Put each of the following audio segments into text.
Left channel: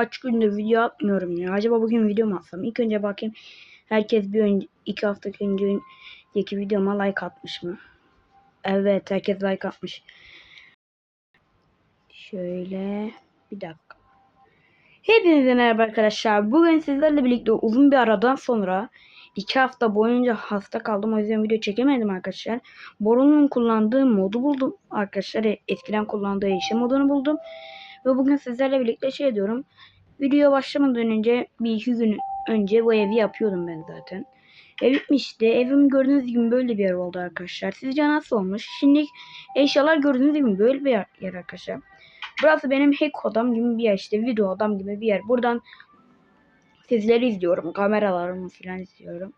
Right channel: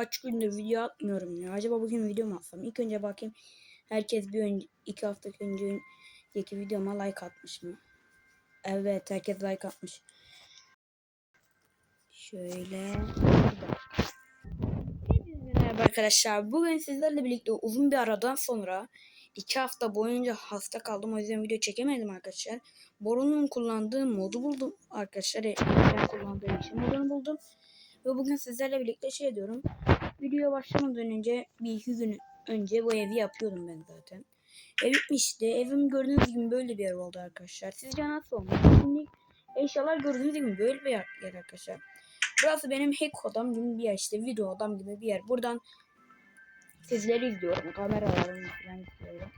kaç gündür video atmıyorum ya. Acaba bugün video mu atsam? İlk önce bakayım. Herkes bir önce iki hafta önceki videoma like atmış mı? Evet herkes like atmış. Şöyle bir dakika. Hepinize merhaba arkadaşlar. Bugün sizlerle birlikte uzun bir aradan sonra iki hafta boyunca hasta kaldım. O yüzden video çekemedim arkadaşlar. Boru'nun kullandığı modu buldum arkadaşlar. Eskiden kullandığı yaşam modunu buldum. Ve bugün sizlerle birlikte şey diyorum. Videoya başlamadan önce bir iki gün önce bu evi yapıyordum ben zaten. Ev bitmişti. Evim gördüğünüz gibi böyle bir yer oldu arkadaşlar. Sizce nasıl olmuş? Şimdi eşyalar gördüğünüz gibi böyle bir yer, yer arkadaşlar. Burası benim hack odam gibi bir yer işte video odam gibi bir yer. Buradan sizleri izliyorum. Kameralarımı falan izliyorum.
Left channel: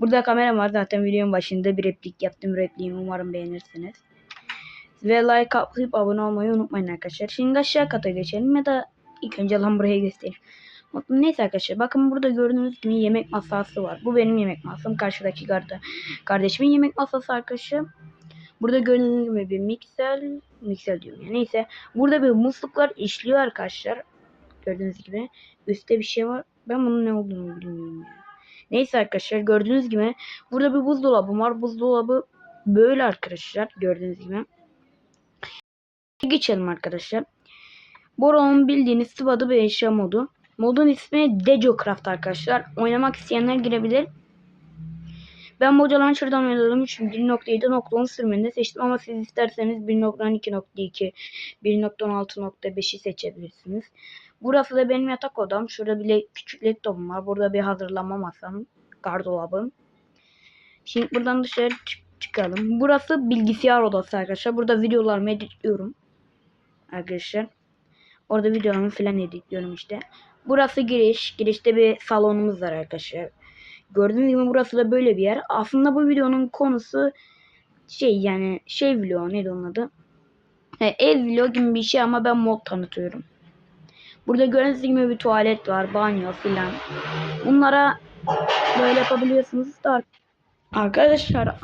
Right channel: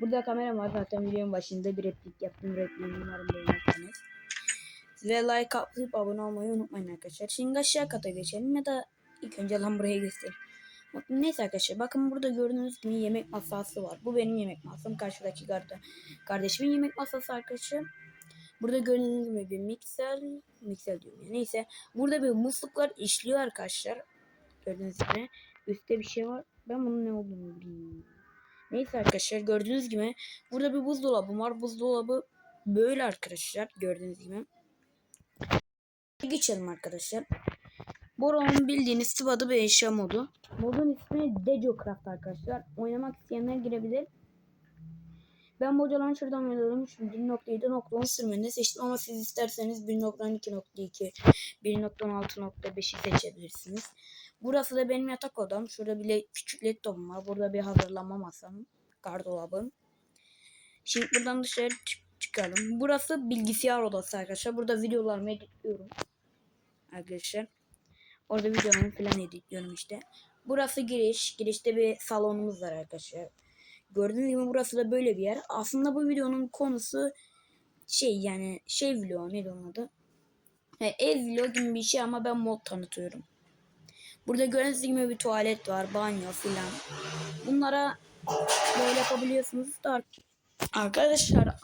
Burada kamera var zaten videonun başında bir replik yaptım repliğimi umarım beğenirsiniz. Ve like atlayıp abone olmayı unutmayın arkadaşlar. Şimdi aşağı kata geçelim ya da ilk önce lan burayı göstereyim. Neyse arkadaşlar bakın burada gördüğünüz gibi yemek masası var. Bu benim yemek masam. Karşıdaki garda kardeşimin yemek masası arkadaşlar. Burada gördüğünüz gibi bir mikser, mikser diyorum ya neyse. Burada bir musluklar işliyor arkadaşlar. Gördüğünüz gibi. Üstte bir şey var. Ben bunun ne olduğunu bilmiyorum. Neyse arkadaşlar gördüğünüz gibi burada bir buzdolabı var. Buzdolabı böyle arkadaşlar gördüğünüz gibi. Geçelim arkadaşlar. Boron'un bildiğiniz sıvadı bir eşya modu. Modun ismi Dejocraft arkadaşlar. Oynamak isteyenler girebilir. Ben Mojo Launcher'dan oynadım için 1.7.10 sürümünde seçtim ama siz isterseniz 1.12.2, 1.16.5'i seçebilirsiniz. Burası da benim yatak odam. Şurada bile küçük laptopum var. Burada bir hazırlama masam, gardırobum. Şimdi buradan dışarı çık çıkalım. Burası bilgisayar odası arkadaşlar. Burada videolarımı editliyorum. Arkadaşlar. Orada videolarımı falan editliyorum işte. Burası giriş. Girişte bir salonumuz var arkadaşlar. Gördüğünüz gibi burası da böyle bir yer. Aslında bu videonun konusu şey yani şey vlog neydi onun adı? Yani ev vlog gibi bir şey ama ben mod tanıtıyorum. Burada gördüğünüz gibi bir tuvalet var, banyo filan. Bunlara böyle yapabiliyorsunuz da arkadaşlar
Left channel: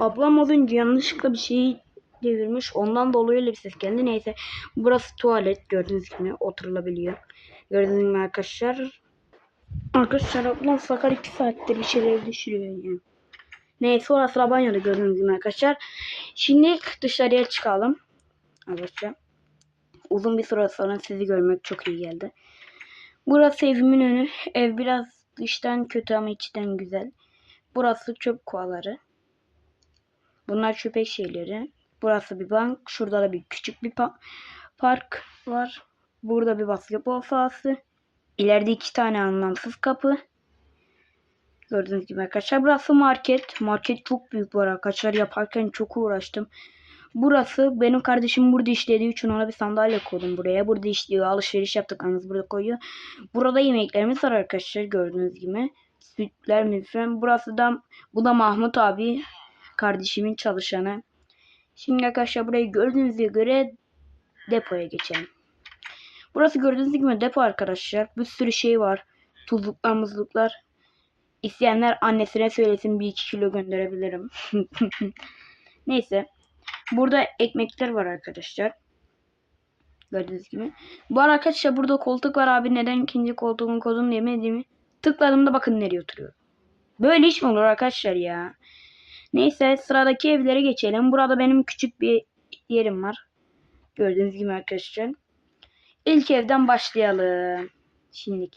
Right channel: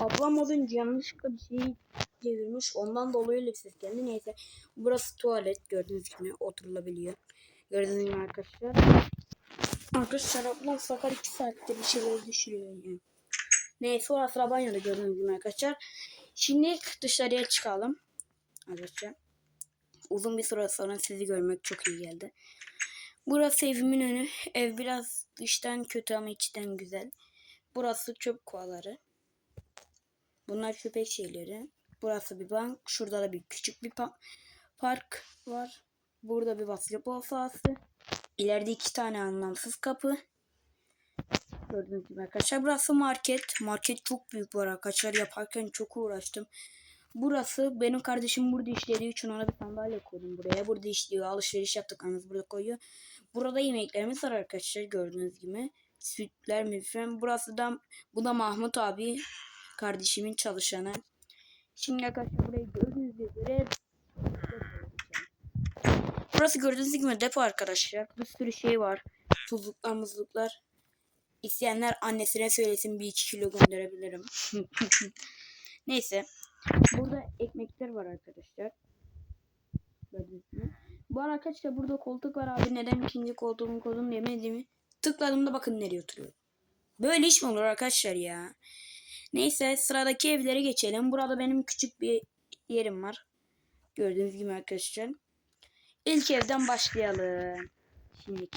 ablam az önce yanlışlıkla bir şey devirmiş. Ondan dolayı öyle bir ses geldi. Neyse burası tuvalet gördüğünüz gibi oturulabiliyor. Gördüğünüz gibi arkadaşlar. Arkadaşlar ablam sakar 2 saatte bir şeyler düşürüyor yani. Neyse orası da banyoda gördüğünüz gibi arkadaşlar. Şimdi dışarıya çıkalım. Arkadaşlar. Uzun bir süre sonra sizi görmek çok iyi geldi. Burası evimin önü. Ev biraz dıştan kötü ama içten güzel. Burası çöp kovaları. Bunlar çöpek şeyleri. Burası bir bank. Şurada da bir küçük bir pa park var. Burada bir basketbol sahası. İleride iki tane anlamsız kapı. Gördüğünüz gibi arkadaşlar. Burası market. Market çok büyük bu arkadaşlar. Yaparken çok uğraştım. Burası benim kardeşim burada işlediği için ona bir sandalye koydum buraya. Burada işliyor. Alışveriş yaptık. Anız burada koyuyor. Burada yemeklerimiz var arkadaşlar. Gördüğünüz gibi. Sütler mi. Burası da bu da Mahmut abi. Kardeşimin çalışanı. Şimdi arkadaşlar burayı gördüğünüze göre depoya geçelim. Burası gördüğünüz gibi depo arkadaşlar. Bir sürü şey var. Tuzluklar muzluklar. İsteyenler annesine söylesin bir iki kilo gönderebilirim. Neyse. Burada ekmekler var arkadaşlar. Gördüğünüz gibi. Bu arkadaşlar burada koltuk var abi. Neden ikinci koltuğumun kodunu demediğimi. Tıkladığımda bakın nereye oturuyor. Böyle iş mi olur arkadaşlar ya? Neyse sıradaki evlere geçelim. Burada benim küçük bir yerim var. Gördüğünüz gibi arkadaşlar. İlk evden başlayalım. Şimdi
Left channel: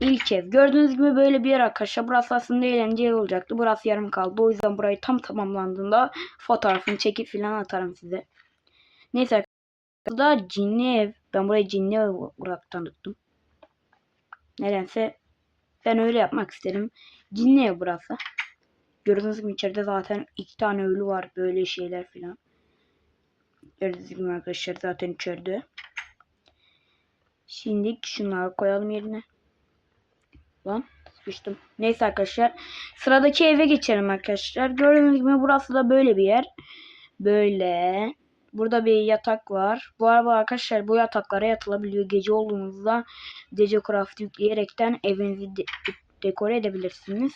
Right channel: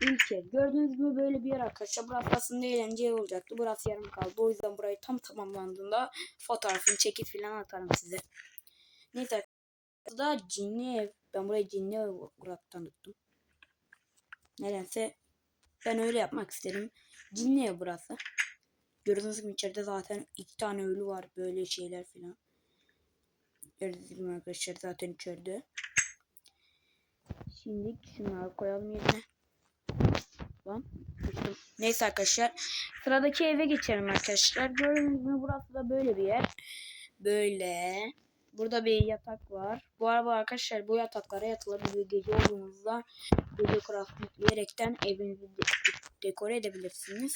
ilk ev. Gördüğünüz gibi böyle bir yer arkadaşlar. Burası aslında eğlenceli olacaktı. Burası yarım kaldı. O yüzden burayı tam tamamlandığında fotoğrafını çekip falan atarım size. Neyse arkadaşlar. da cinli ev. Ben burayı cinli ev olarak tanıttım. Nedense ben öyle yapmak istedim. Cinli ev burası. Gördüğünüz gibi içeride zaten iki tane ölü var. Böyle şeyler falan. Gördüğünüz gibi arkadaşlar zaten içeride. Şimdi şunları koyalım yerine. Lan sıkıştım. Neyse arkadaşlar. Sıradaki eve geçelim arkadaşlar. Gördüğünüz gibi burası da böyle bir yer. Böyle. Burada bir yatak var. Bu arada arkadaşlar bu yataklara yatılabiliyor. Gece olduğunuzda gece craft yükleyerekten evinizi de dekore edebilirsiniz.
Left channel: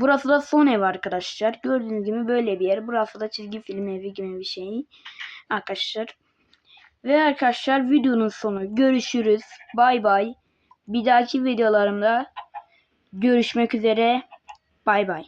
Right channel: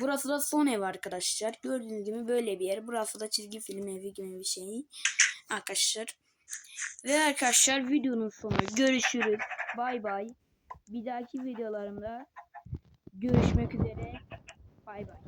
Burası da son ev arkadaşlar. Gördüğünüz gibi böyle bir yer. Burası da çizgi film evi gibi bir şey. Arkadaşlar. Ve arkadaşlar videonun sonu. Görüşürüz. Bay bay. Bir dahaki videolarımda görüşmek üzere. Bay bay.